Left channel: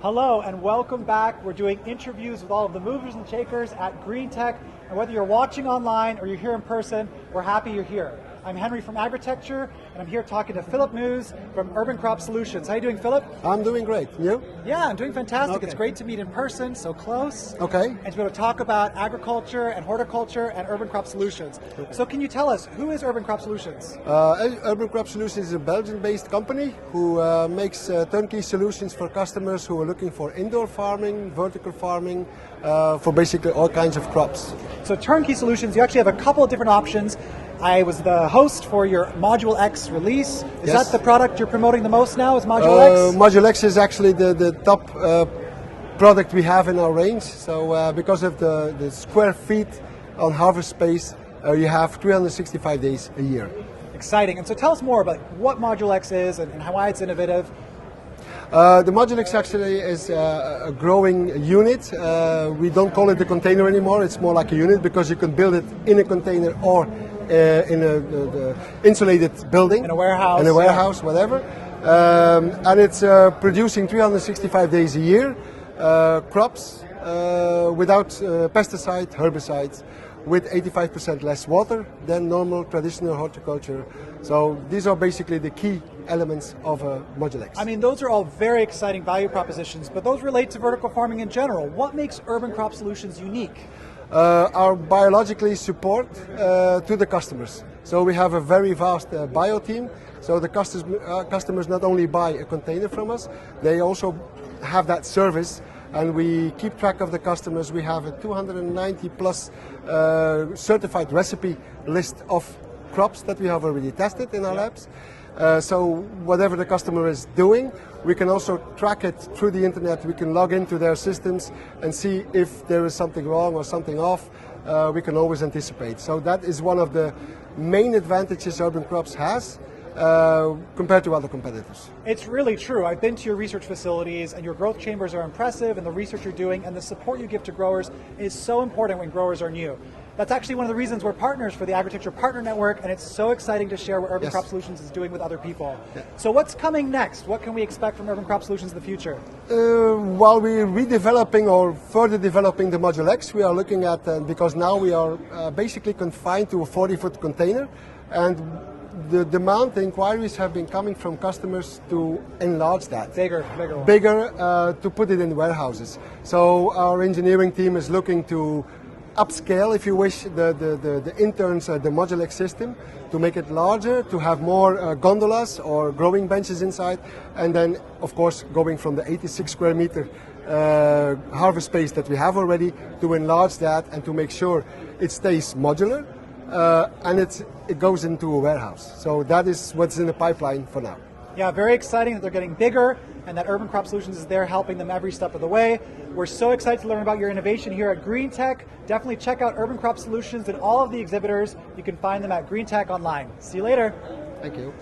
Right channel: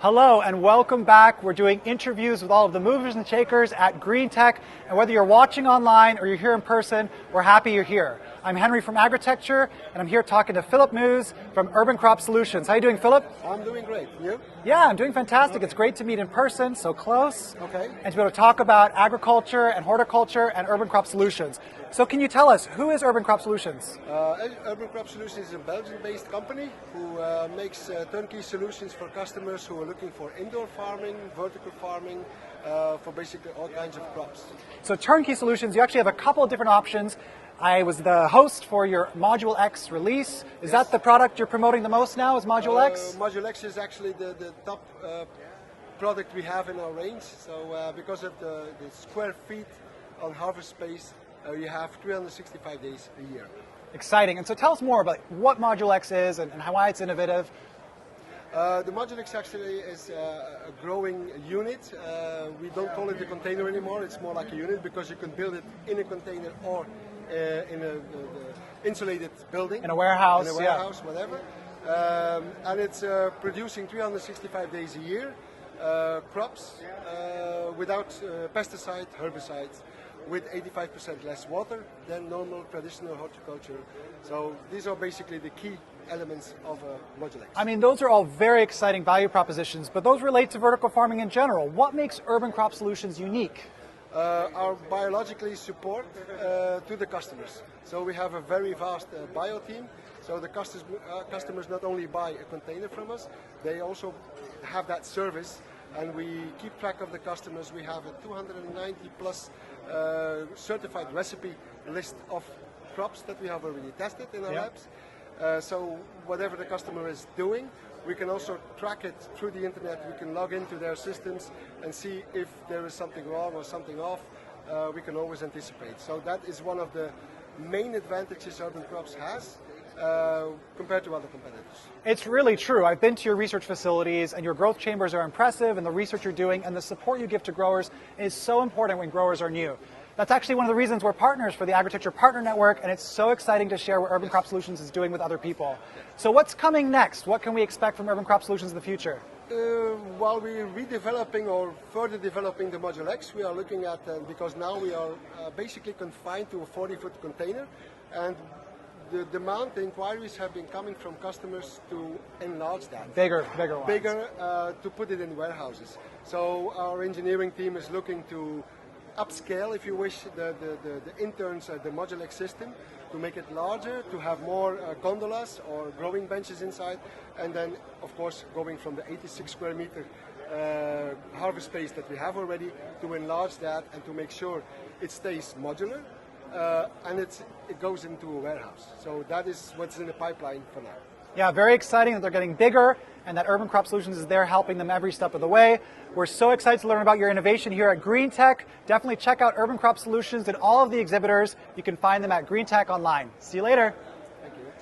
Hello and welcome back. We're doing interviews with all of the movers and shakers at GreenTech. And whether you're watching online or you're here in person, we're happy you're here. I'm Henry from Agritecture, and I'm here talking to Filip Meeuws from Urban Crop Solutions. How are you doing, Philip? I'm doing great. You? Yeah, I'm doing fantastic. Okay. It's great to meet in person, so close. Okay. And to be able to talk about agriculture and horticulture and Urban Crop Solutions. So can you tell us, who is Urban Crop Solutions? Urban Crop Solutions is a Belgian-based company who makes turnkey solutions for customers who are looking for indoor farming, vertical farming, for basically all kinds of crops. So turnkey solutions, you actually have a couple of different options. I was the host for your Module X release. Is Yes. that the product you're promoting the most now, is Module X? Module X is actually the top product we have in our range. So because of the square feet on harvest space, you have 365 days a year. Exciting. And so tell us more about what Module X is and why it's innovative. The Module X actually is a growing unit. We don't call it a container anymore. It's more like a unit because you can build it in a container or in a insulated building. In a warehouse. In a warehouse, yeah. Whatever. And it's producing 365 days a year crops without pesticides, herbicides, with 85% less water than normal traditional horticulture. So these are basically the key elements of Module X. I mean, those are all very exciting value propositions, but those relate to vertical farming in general. What makes Urban Crop Solutions unique? Our biologically support to the customers. So we have a very vast bio team. So the customers not only buy a container from us, they also have that service, and we keep track of the customers. We have a 290 plus certified recipe list of crops that we have already tested in our labs. So whatever the customer is doing, we can also track it through the internet. We can log into their systems and see if there is something wrong or something off. We can always anticipate. So that is one of the main advantages Urban Crops has compared to other competitors. It's really true. I've been to your research facilities, and your growth chambers are impressive, and the research you're doing and the support you give to growers is so important when growers are new. That's actually one of the reasons we're partners for the Agritecture Partner Network, and it's so exciting to share what Urban Yes. Crop Solutions is doing with other people. Yeah. So what's coming next? What can we expect from Urban Crop Solutions in the future? While we're redeveloping or further developing the Module X, we are looking at, because now we are basically confined to a 40-foot container, and the demand, the inquiries have been coming from customers to enlarge that. Bigger one. Bigger, to put it in warehouses. So our engineering team is looking to upscale, if you wish, the interns, the Module X system, to make it larger, to have more gondolas or growing benches inside, and then, of course, going from the 86 square meter harvest space that we have already, to enlarge that and to make sure it stays modular, and it goes into a warehouse. So that is what's in the pipeline for now. Yeah, very exciting that they're getting bigger and that Urban Crop Solutions is there helping them every step of the way. We're so excited to learn about your innovation here at GreenTech. Definitely check out Urban Crop Solutions and all of the exhibitors. You can find them at GreenTech online. See you later. Thank you.